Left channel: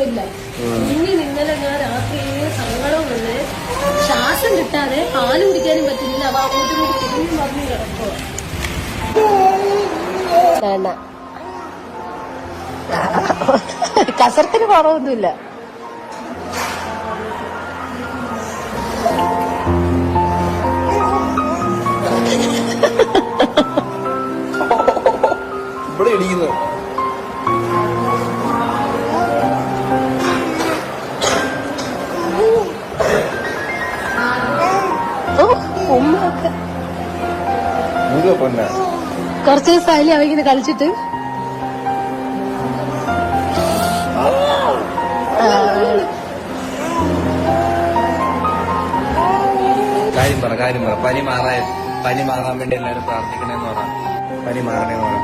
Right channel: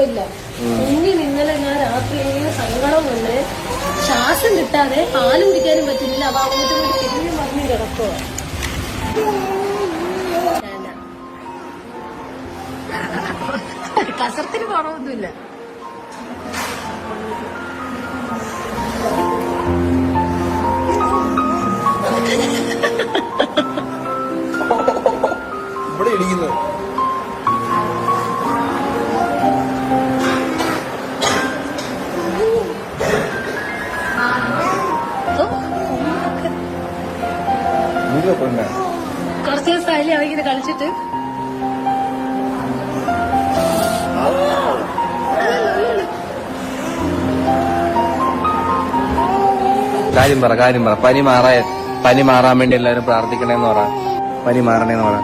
കുഴപ്പമില്ല. ഇന്നലെ ഞാൻ രാത്രി സങ്കടം വന്ന് ശ്വാസം കിട്ടാതെ പാല് കുടിക്കാനും പറ്റുന്നില്ല. അവ അങ്ങോട്ടും ഇങ്ങോട്ട് തിരിഞ്ഞു മറിഞ്ഞു കിടക്കുക. കസർത്തിന് കുറവൊന്നുമില്ല. ഇവിടെ ഇടിക്കുന്നത് കുറച്ച് ദിവസമായി അവരിങ്ങനെ കളിച്ചിട്ട്. കാര്യം പറ പനി മാറാൻ വേണ്ടി എല്ലാവരും പ്രാർത്ഥിക്കണേന്ന് പറ. പനി മാറണേന്ന് പറ.